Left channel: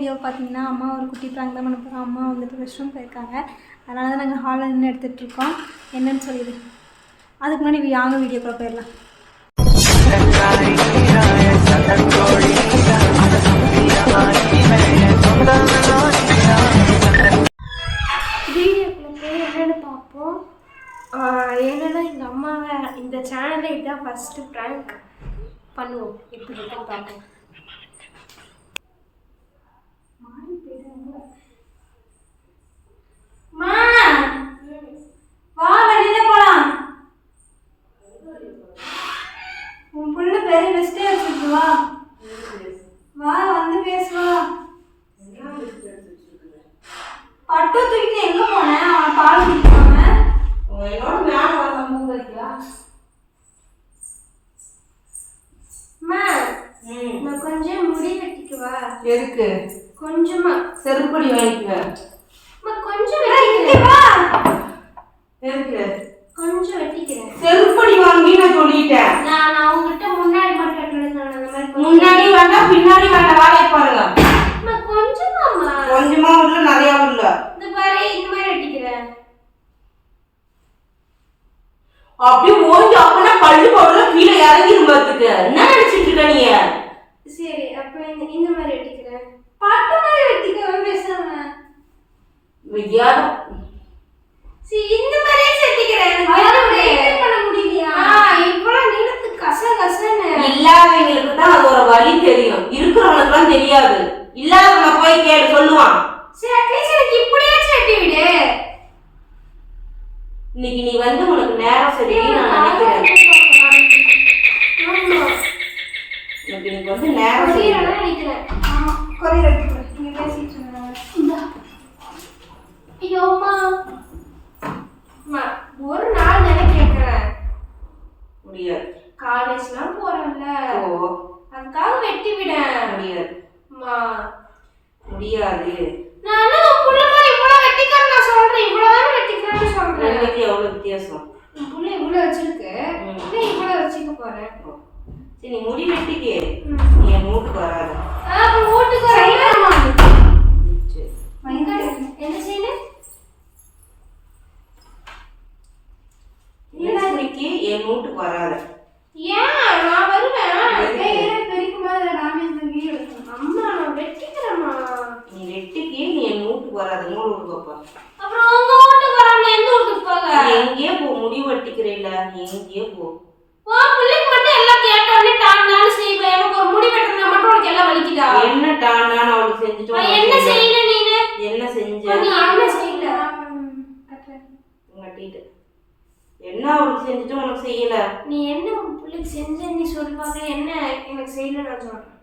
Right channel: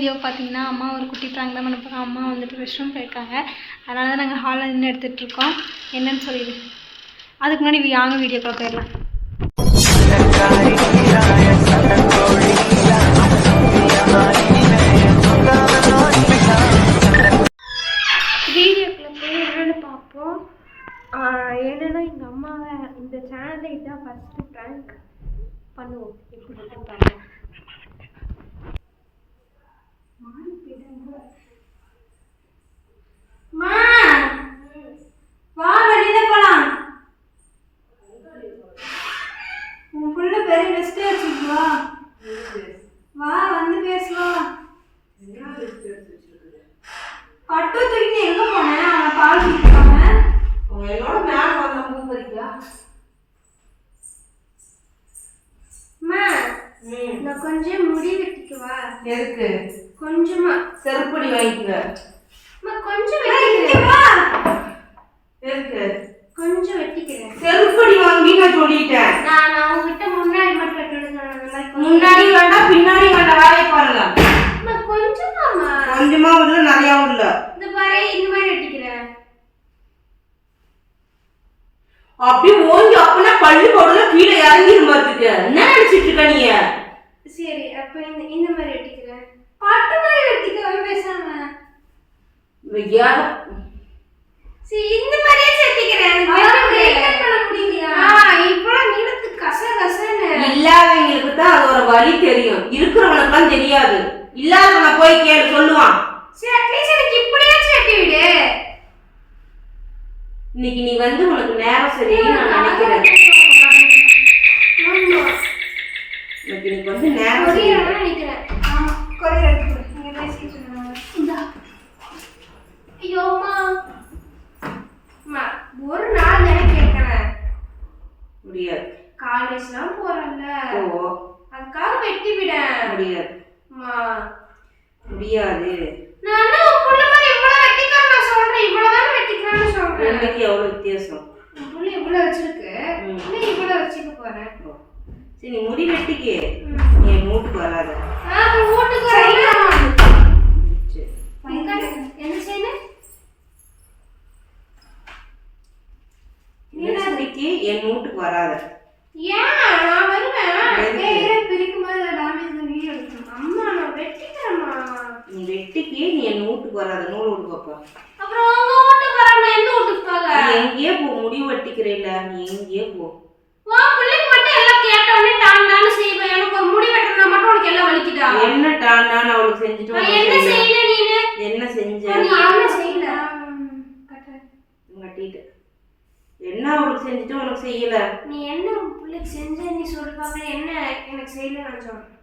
Video பார்த்தீங்கன்னா அம்மா ஒரு குட்டி ப்ராங்க் தான் பண்ண போகிறோம். அம்மா வந்துட்டு ரெஸ்ட் ரூம் போயிருக்காங்க. அதனால தான் நாங்கள் ஹாலில் நின்று எடுத்துகிட்ருக்கோம். என்னன்னு சொல்லிடு. அதுக்கு முன்னாடி வாங்க வீடியோக்குள்ள போயிடலாம். வீடியோக்குள்ள போய் என்னென்னு பார்ப்போம். என்னென்னா எங்கள் அம்மாவை இந்த சேனலில் இதுதான் ஃபஸ்ட்டு ப்ராங்க் பண்ணுவோம். எப்படி இருக்குன்னு பார்ப்போம். வா வெளியில போலாம். உன் புள்ள பெரிய லிஸ்டே வச்சிருக்கா. வா வந்து பேசுவா. பட்டு தூக்கி எங்க போன? அவன் பால் குடிப்பாங்க. என்னோட மேல வந்த மூவ் பண்ணிக்கலாம். நான் கொஞ்சம் முடி வெட்டிக்குவா. எதுக்கு? கொஞ்சமா செருப்படி வாங்கிக்குவ. கொஞ்சம் வெட்டிக்குவா. எதுக்கு? கொஞ்சம் வெட்டிக்கிறேன். செருப்படி வாங்கி நான் சொல்லிட்டேன். நான் உன்கிட்ட முன்னாடி மட்டும் வெட்டணும்னு சொன்னேன். அந்த மாதிரி முன்னாடி வேண்டாம் பின்னாடி வேண்டாம். வேலையை பாருங்க. கொஞ்சமாமா. கொஞ்சமா உள்ள நிறைய உள்ள. இந்த பாரு இந்த மாதிரி வெட்டிக்கிறேன். அப்படியே ஓங்கி அப்பனா பல்லு போடுற கீழே இறங்கிரும் பாத்துக்க. என்ன நினைச்சிட்டு இருக்க நீ? சரி அப்ப இந்த மாதிரி வெட்டிக்கிறேன். பாட்டு மாதிரி வெட்டிக்க பேசாம. யாரு? சரி இந்த மாதிரியே வெட்டிக்கிறேன். யாரும் வெயிட் பண்ண முடியலையா? இப்போலாம் நீளத்து கசகசன்னு. இல்லாதவங்களுக்கு தான் அது ஒரு வலி தெரியும். இருக்கிறவங்களுக்குலாம் தெரியாது. இல்லாதவங்க போய் கேளு சொல்லுவான். சரி அட்லீஸ்ட் எனக்கு இப்படியாச்சும் வெட்டி விடு. இன்னைக்கு நீ வந்து உனக்கு நேரம் சரியில்லை நான் நினைக்கிறேன். இன்னைக்கு நீ வந்து நேரம் சரியில்லை நினைக்கிறேன். ஆமா கொரியர் எடுத்துறேன். நீங்க பேசிட்டு இருங்க. இந்த ஐயோ அம்மா அம்மா ஒரு நாள் தானே கேக்குறேன். முடியாது. காலேஜ்லாம் போறல்ல. ஓ அதுக்காக வெட்டி விட முடியாது. அம்மா முடியாது. நானே புள்ள மாதிரி இவ்வளவு வெட்டிக்கற நான் சொல்றேன். இவ்வளவுதான் வெட்டிக்கறன்னு சொல்றேன். உங்களுக்கு எவ்வளவு வித்தியாசம்? புள்ள இவ்வளவு வச்சிருக்கு. நான் இவ்வளவு வச்சிக்க போறேன். சரி நீ முடி வெட்டிக்கே. நீ மூட்டுக்கு வராத. அப்ப மூட்டுக்கு வரல. சரி மைங்கட என்ன செய்யணும்? நீ இன்னைக்கு என் மூட்டுக்கு வராத. ஏன் நான் வருவேன். பெரியக்குமார டேமேஜ் வீடியோ எடுக்கணும். அம்மா நான் வெட்டிக்கறேம்மா. நீ வெட்டிக்கே நீ என் மூட்டுக்கு வராத. நூல் உடுப்பா. அப்புறம் உங்க மூட்டுக்கு வராம எந்த வீட்டுக்கு போக? நீ எங்கேயே போ. முடி வெட்டிக்கறேல நீ எங்கேயே போ. வா புள்ளைக்கு மட்டும் எல்லாம் கேட்டோனே டாண்டான்னு செய்வே. எனக்கு ஒரு முடி வெட்டறனா மட்டும் உனக்கு எல்லாம் வலிக்குதா? என்ன டாண்டான்னு அவளுக்கு செஞ்சுட்டு வா. என்ன செய்யல நீனு? என்ன செஞ்ச? நீ என்ன செய்யல? கட்டிட்டு என்ன அவளுக்கு செஞ்சுட்டு உனக்கு செய்யல? நீ என்ன புள்ளைக்கு செஞ்ச நீ சொல்லுவாங்க. என்ன எனக்கு செய்யல நான் சொல்றேன்.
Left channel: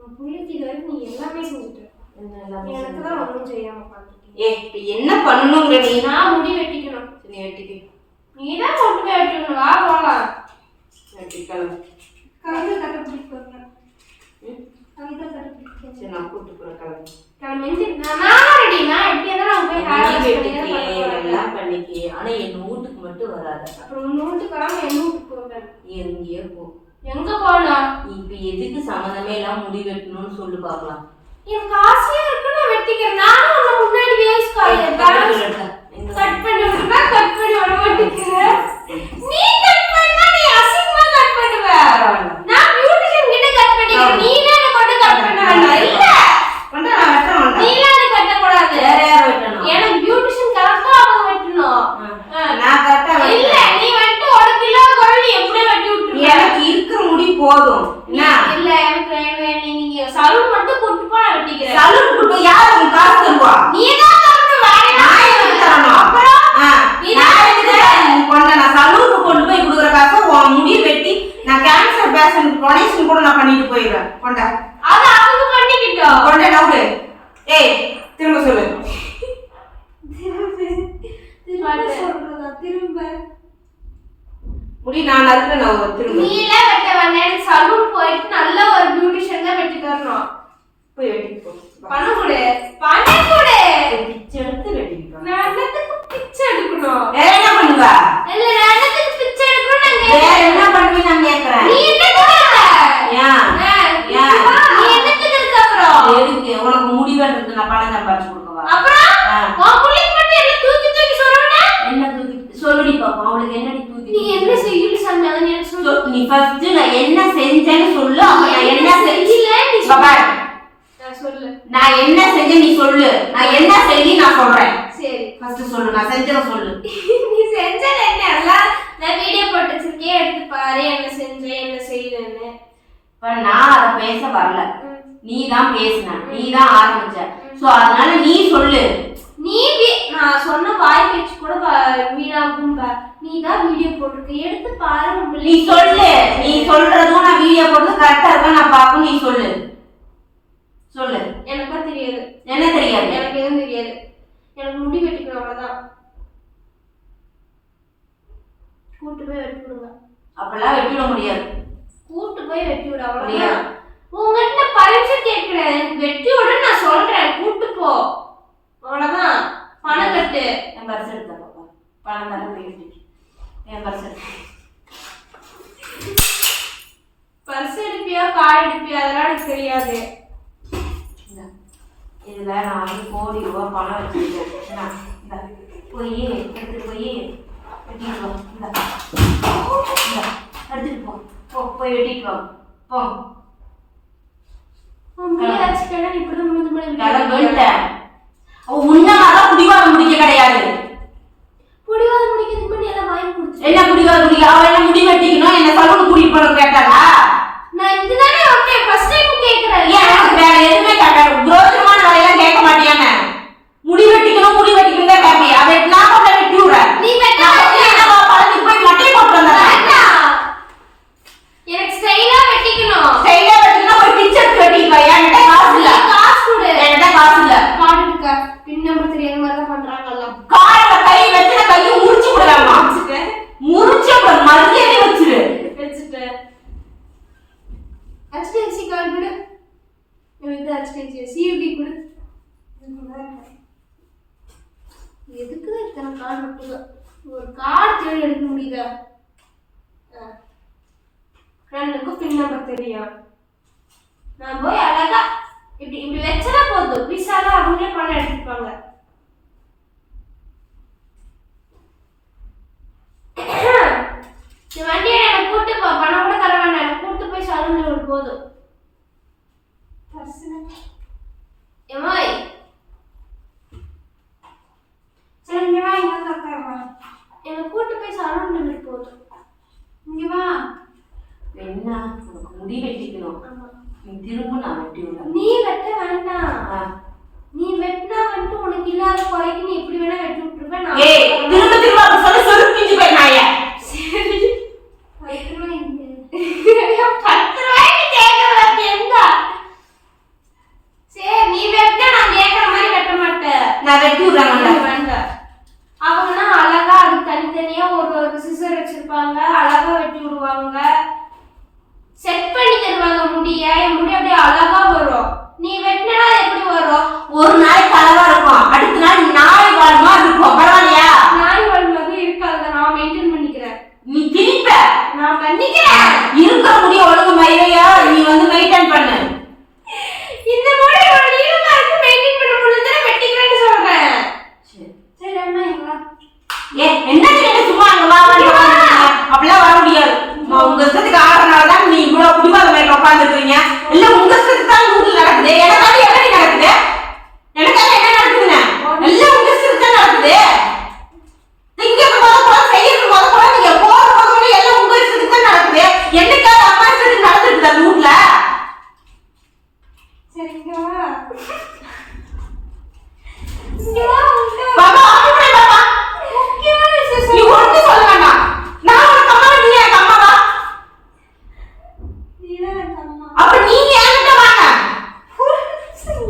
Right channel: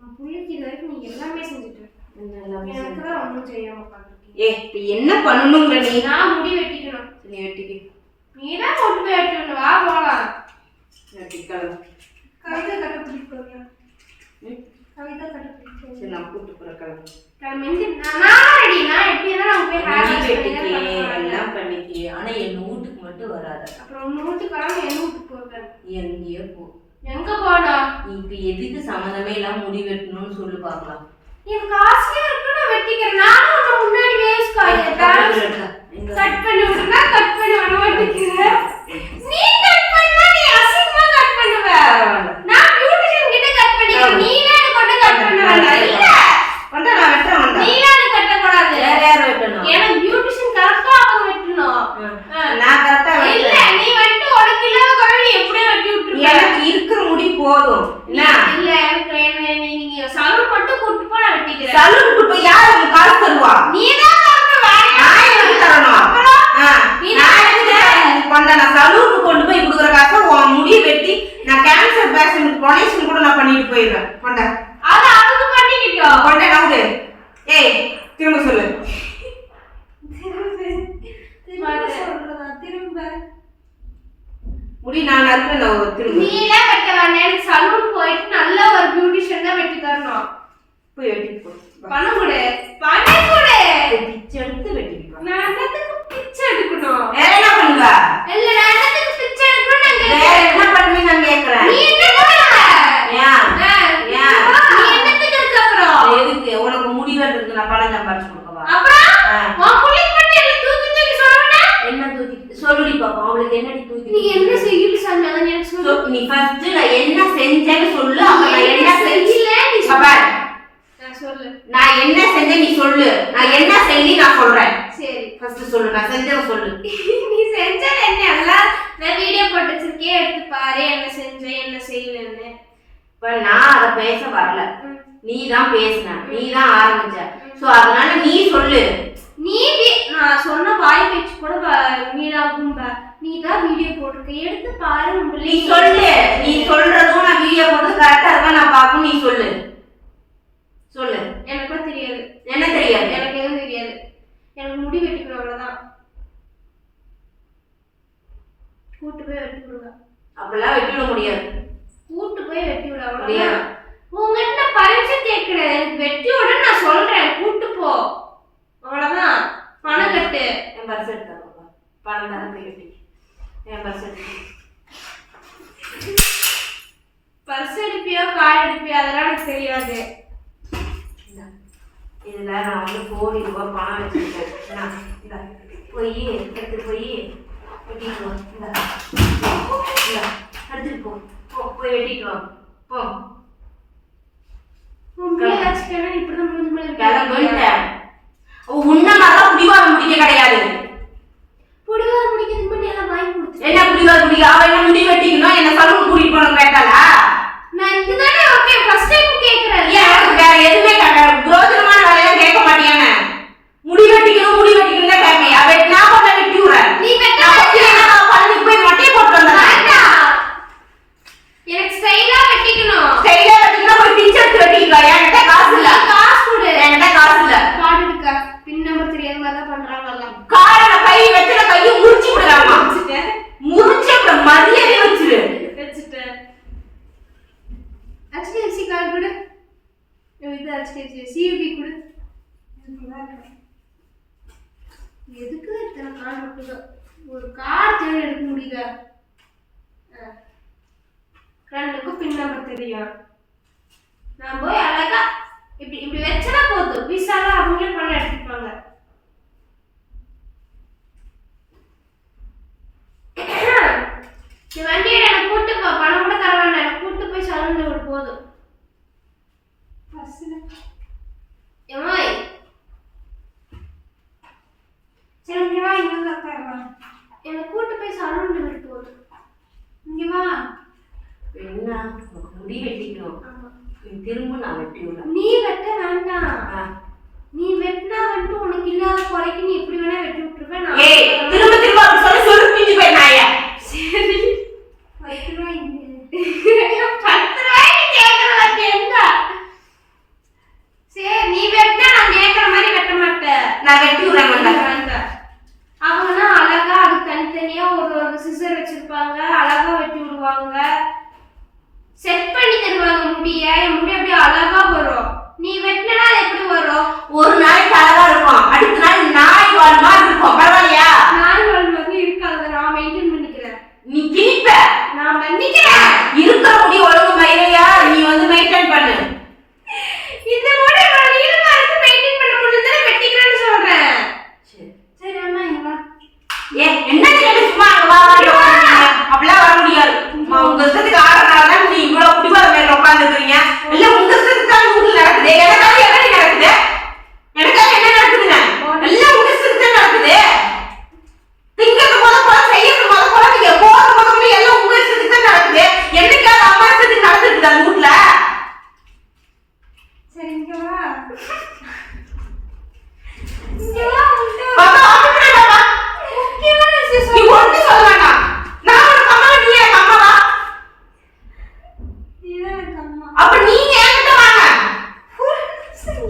உன் புள்ளைக்கு இது வரைக்கும் நீ எல்லாமே செஞ்சுட்ட. எனக்கு தான் ஒன்றும் செய்யாம பார்த்துருக்கேன். என்ன பண்ணணுங்கிற நீ? நான் முடி வெட்டிக்கணும். நீ வெட்டிக்க. நீ தான் கொண்டு போய் வெட்டணும். வா போகலாம். வெட்டிக்கலாம். கவிதை கட்ட பிடிக்க கவிதை கட்ட பிடிக்க. சரி நான் கூப்பிட்டு போகிறேன். கிளம்பி நான் ரெடி. நான் எப்படி இருந்தாலும் போய் எல்லாம் பண்ணிக்கே. ஆனால் என் வீட்டுக்கு மட்டும் வராத. அப்புறம் உன் வீட்டுக்கு வராமல் என் வீட்டுக்கு போகிறேன். எங்கேயோ போ. எங்க போனா? இப்போ எதுக்கு சம்மந்தமே எல்லாம் முடி வெட்டணும்னு சொல்லி பார்க்கலாம். எனக்கு ஆசையா இருக்கு. நான் வெட்டிக்கிறேன். நானும் உன்னை முன்னாடி வேஸ்ட் கட் பண்ணி விடுறா. கட் பண்ணி விட மாட்டேங்கிறேன். நீ கட் பண்ணா நீ அசிங்கமா கட் பண்ணுவ. நான் பியூட்டிஷியன் கிட்ட கட் பண்ணிக்கிறேன். நீ என்ன கொண்டு கட் பண்ண வேண்டாம். இல்ல கொண்டு நான் வெட்ட மாட்டேன். நீ என்ன கட்ட கூடாது. வேற யார் வெட்டணும்? எனக்கு பியூட்டிஷியன் கரெக்ட்டா அவங்க வெட்டணும். நான் கரெக்ட்டா வெட்ட. இல்ல நீ வெட்ட ஒரு கிலோ குறவி எப்படி வெட்டி விட்டுருக்க? எனக்கு இருக்கிற முடி போதும். இல்ல எனக்கு நீங்க சலூன் மட்டும் கூட்டி போய் வெட்டிக்கிறேன். சலூன் கூட்டி போய் யார் உங்களுக்கு காசு தருவா? நீ தான் தரணும். நான் எதுக்கு தரணும்? அப்புறம் நான் எதுக்கு தரணும்? நான் சலூனுக்கு கொண்டு போய் கொடுக்குற காசை உன் முடி வெட்டி நான் கேன்சர் பேஷண்ட் டொனேஷன் கூட நான் பண்ணிட்டு போயிடுறேன். கொண்டா அது அவங்க பண்ணிக்கிட்டோம். கொண்டா நவுடு. ஏய் திரும்ப சொல்லு. திரும்ப முடி நான் நறுக்கணும். திரும்ப நீல வெட்ட வேண்டாம். சலூன் போயிட்டு நல்ல ஒரு பியூட்டிஷியன் தான் வெட்டி தரணும். போய் வெட்டி போ. பணம் கொடு. பணம் கொடு. பிச்சை எடுத்து வெட்டிப்பா. நான் என்னத்துக்கு பிச்சை எடுக்கணும்? வேற என்ன பண்ணுவ? இல்ல நான் என்னத்துக்கு பிச்சை எடுக்கணும்? நான் கேக்குறேன். வேற என்ன பண்ணுவ நான் கேக்குறேன். நீ என்ன பண்ணுவ? ஏன் நீ என்னத்துக்கு இருக்க அப்புறம்? இருந்து நான் பணம் சம்பாரிச்சு கொடுக்கவா? அப்புறம் உன் புள்ளைக்கு மட்டும் என்ன தூக்கி தூக்கி சொல்றேன்? என்ன தூக்கி சொல்லுடி பாப்போம். அவளுக்கு என்னடி தூக்கி? நீ என்ன செய்யல சொன்னா எனக்கு சொல்லு. நீ ஃபர்ஸ்ட் நான் என்ன செஞ்சேன்னு சொல்லு. அப்ப நான் என்ன செய்யல நீ பாப்பா. நான் சொல்லு. நான் என்ன செஞ்சேன் நீ சொல்லு. நான் என்ன செஞ்சேன் நான் சொல்றேன். சரி ஃபர்ஸ்ட் சொல்லு. நான் செஞ்சத சொல்லு. நீ செஞ்சது என்ன? எல்லாம் நான் வீடியோ போட்டு வச்சிருக்கேன், எடுத்து பாரு என்ன செஞ்சேன் என்ன செய்யலன்னு. இப்ப நான் அத பேச வரல. நீ தான் பேசுன. நீ தான் ஆரம்பிச்ச. சோ அதனால நீ சொல்லு. நீ நான் சொன்ன வாய் பேச்சு கூட வீணாகும். நீ தான் வீடியோ போட்டுருக்க, எடுத்து பாரு. நீ சொல்லு. நீ சொல்றதும் நான் வீடியோ போட்டு கரெக்டா இருக்கா நான் பாப்போம். நீ சொல்லு. சொல்லு. எனக்கும் தெரியாது. என்ன தெரியாது? எனக்கு எதுவும் தெரியாது. எனக்கு முடி வெட்டிக்கணும் அவ்வளவுதான். கூட்டு போய் வெட்டி விடுங்க. அப்பெல்லாம் வெட்டி விட முடியாது. கூட்டு போய் வெட்டி விட அவ்வளவுதான். உங்ககிட்ட நான் பர்மிஷன் கேட்கிறேன். எனக்கு வெட்டி விட நான் சொல்றேன். கூட்டு போ அவ்வளவுதான். பணம் கட்டு. என் பர்ஸ் எடுத்த பாப்பா. பணம் தரேன் வெட்டி. என் பர்ஸ் எடுத்து. பர்ஸ் எடுப்பியா கார்டு எடுப்பியா அதெல்லாம் எனக்கு தெரியாது. இதுல நான் வந்து கோடி ரூபாய் பணம் வச்சிருக்கேன். போய் எடுத்துட்டு போய் வெட்டிட்டு வா. எடுத்துட்டு போ. போ போய் வெட்டிட்டு வா. போ. இப்படிதான் உன்னதான் புடிவாதம் முடிக்க கிடையாது. புடிவாதம் முடிக்கிறதுக்கு முன்னாடி எல்லாம் வாங்கி கொடுத்து என்ன புடிவாதம் முடிக்க? அவ என்ன முடி வெட்டிக்கணும் என்ன சலூன் கூட்டிட்டு போகணும் கேட்டாளா? நான் இதுதானே ஓகே ஃபர்ஸ்ட் டைம் கேக்குறேன். ஏன் வேற எதுவுமே கேட்காது. குரோசமான வேலையெல்லாம் கேட்க மாட்டியானே? முடி வெட்டிக்கணும் முடி வெட்டிக்கணும் தான் கேட்பேன். அவ நான் பண்ண வெட்டி விடுறேன். நீ வெட்டா பழனி போய் மட்டையை போட்டு வந்தா எனக்கு ஸ்டைலா வெட்டிக்கணும். ஸ்டைலா வெட்டிக்கணும். போய் பிச்சர் வெட்டிக்கா. என்கிட்ட காசு இல்ல. காசு கொடு. என்கிட்ட காசு இல்ல. கார்டு இருக்கா? பின் நம்பர் தெரியாத மாதிரி தான் பண்றாங்க எல்லாம். கார்டுல கை வச்சுட்ட கையை முறிச்சு விடுறாங்க. முறிச்சு அப்ப மரியாதை வச்சிரு. வச்சிட்டு HDFC கார்டு கொடு. இது HDFC CUB கொடு. எதுக்கு இத்தனை கார்டு விட்டுதோ? ஒரு கார்டு தேடி எடுக்க முடியுதா? ரெண்டுக்கும் பின் நம்பர் தெரியும். நான் போய் அழகா இப்படி இப்படி வச்சா போதும். விசாலா அவங்களே பணம் எடுத்துப்பாங்க. நீ வண்டியை எனக்கு கூட்டு போ. பணம் கூட தர வேண்டாம். எனக்கு கூட்டு போய் சலூன்ல விடு போதும். ஏமாய் சரி இங்க வா. இங்க வந்து உட்காருவா. எனக்கு கூட்டு போய் சலூன்ல விடு போதும். இங்க வா. என்ன உனக்கு முடி வெட்டிக்கணும். நீ திரும்ப நான் வெட்டி விடுறேன். நீ வெட்ட வேண்டாம். நீ வெட்டினா வந்து உனக்கு இல்லாத குறைக்கு நீ எப்படி வேணா வெட்டி விட்டுருவேன். நான் திரும்ப திரும்ப அப்படி சொல்லி சொருப்பிச்சு போய் நாய. சரி 10 ரூபாய்க்கு 10 ரூபாய்க்கு கேட்கறது எந்த? சரி நீ வெட்டினா நான் கேட்கற மாதிரி வெட்ட மாட்டேன். நான் வெட்டி விடுறேன். வேண்டாம். அவங்கன்னா அழகா அது தனித்தனியா ஒரு சிசர் வச்சிருப்பாங்க. அழகா வெட்டி விடுவாங்க. செட் பண்ணி தருவாங்க முடிய. என் முடி அப்படியே அழகா வரும். நீ வெட்டினா எப்படி வரும்? ஒரு நாளைக்கு அழகா இருக்கும். அடுத்த நாள் நாய் வால் மாதிரி இருக்கும். பரவாயில்லையா? நாய் வால் மாதிரி இருக்காது. நான் மெயின்டைன் பண்ணிக்கிறேன். நீ திணிப்ப. நான் பண்ணிக்கிறேன். இருக்கிற முடி ஒழுங்கு மயிரையா நீ வந்து மெயின்டைன் பண்ணு. இந்த முடி ஒரு நீளமா இருக்கு. மெயின்டைன் பண்ண முடியல வெட்டிக்கிறேன்னு சொல்றேன். சரி அம்மா இங்க வா. என்ன கேட்டு சும்மா அங்க வா அப்படிலாம் வர முடியாது. உங்க இஷ்டத்துக்கு ஆடுறதுனால தான் நீ இவ்வளவு புடிவாதம் மேல உட்காந்துருக்கீங்க. இல்ல உங்க இஷ்டத்துக்கு தான் வீட்டுல நடக்குது. எனக்காக எப்படி நடக்குது? எனக்காக என்ன நடக்குதுங்க? எல்லாம் உங்க இஷ்டத்துக்கு தான் நடக்குது. திங்கிறது போல செய்யறது போல நீங்க போறது போல எல்லாம் உங்க இஷ்டத்துக்கு தான் நடக்குது. என்னைக்காவது அப்பா இஷ்டத்துக்கு நடந்துருக்கு அந்த வீட்டுல? சரி இங்க வா. இங்க வா. பாபா அப்படி பாபா முக்கியமான விஷயம் நீ ஒண்ணு சொல்ல வேண்டாம். நான் உனக்கு அம்மா நீ எனக்கு அம்மாவா? நீதான் எனக்கு அம்மா. அப்ப நீங்க என்கிட்ட வாங்க.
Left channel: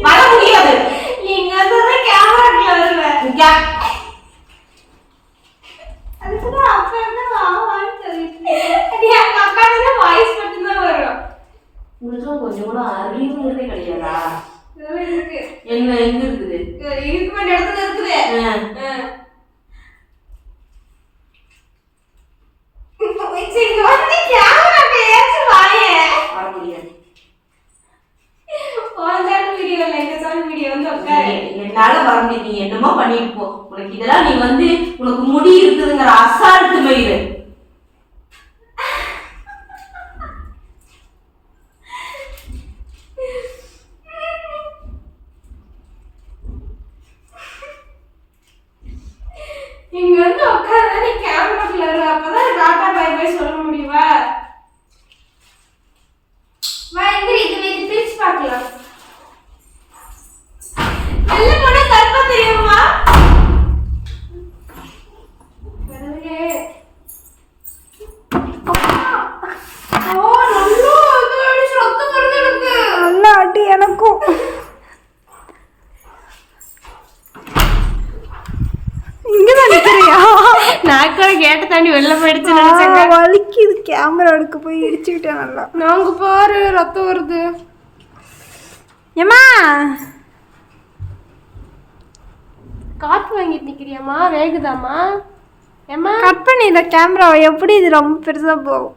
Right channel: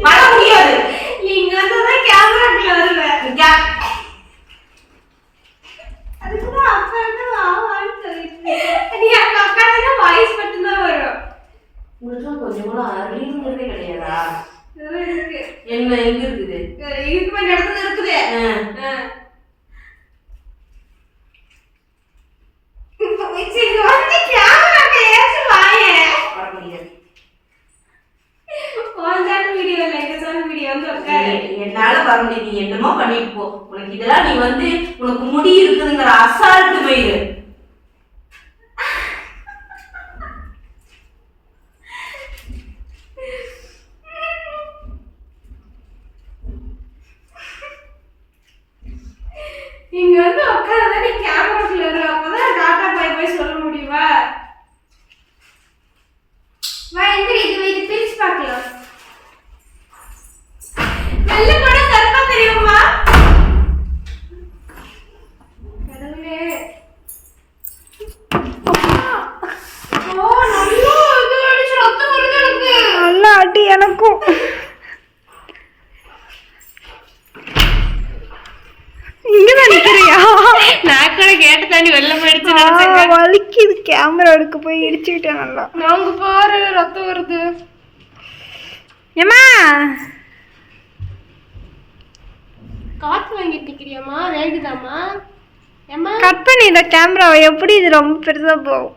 வர முடியாது. இங்க தான் கேமராக்குள்ள வருவேன். இங்க அதுக்குதான் அப்பா இருந்தா வாவான்னு சொல்லிட்டு. நீ அங்க உட்கார்ந்தா வாய்ஸ் மட்டும் தான் வரும். உங்களுக்கு கொஞ்சம் கூட அறிவுங்கிறதே கிடையாதா? இருக்கு. என்ன எங்க இருக்குது? இதுக்கு வேண்டிய இடத்துல இருக்குது. சரி வந்து கேமராக்கு ஏச்சு வாயே. வர முடியாது. ஓன் வீடியோ இல்லை, எங்க வீடியோ வந்து உட்காரு. என்னால வர முடியாது, நீ என்னமோ பண்ணிட்டு போ. உனக்கு இதெல்லாம் நீ வந்து உனக்கு முடி இருக்குதுங்கிற அசால்ட்டு மயிறு. இங்க வந்து உட்காருதா நீ கேமராக்குள்ள இரு, அப்பதான் டாடா பை பை சொல்ல முடியுமா? வா எந்திரி, இது பிரிச்சு பார்க்கலாம். வெள்ளை போட கருப்பா தெரியுமா? கடவுளே. ஓ நல்லா அது அடிச்சு ரத்தம் வருது எனக்கு. நல்லா அடி எனக்கும். இங்கதான் நிக்கிறியா? நான் கூட கேட்ட தாண்டி வெளில போயிடுச்சு. வலிக்குது, கேமரா எடுக்க போய் இடிச்சுக்கிட்டேன் நல்லா. நாங்க பாரு ரத்தம் வருது. ஏமா காத்து வாங்கிட்டு நிக்கிறியாமா? வேகுதாமா? ஏமா கட் பண்ணிடுற கேமராவை. எப்படி இது ரொம்ப பெருசா போகும்.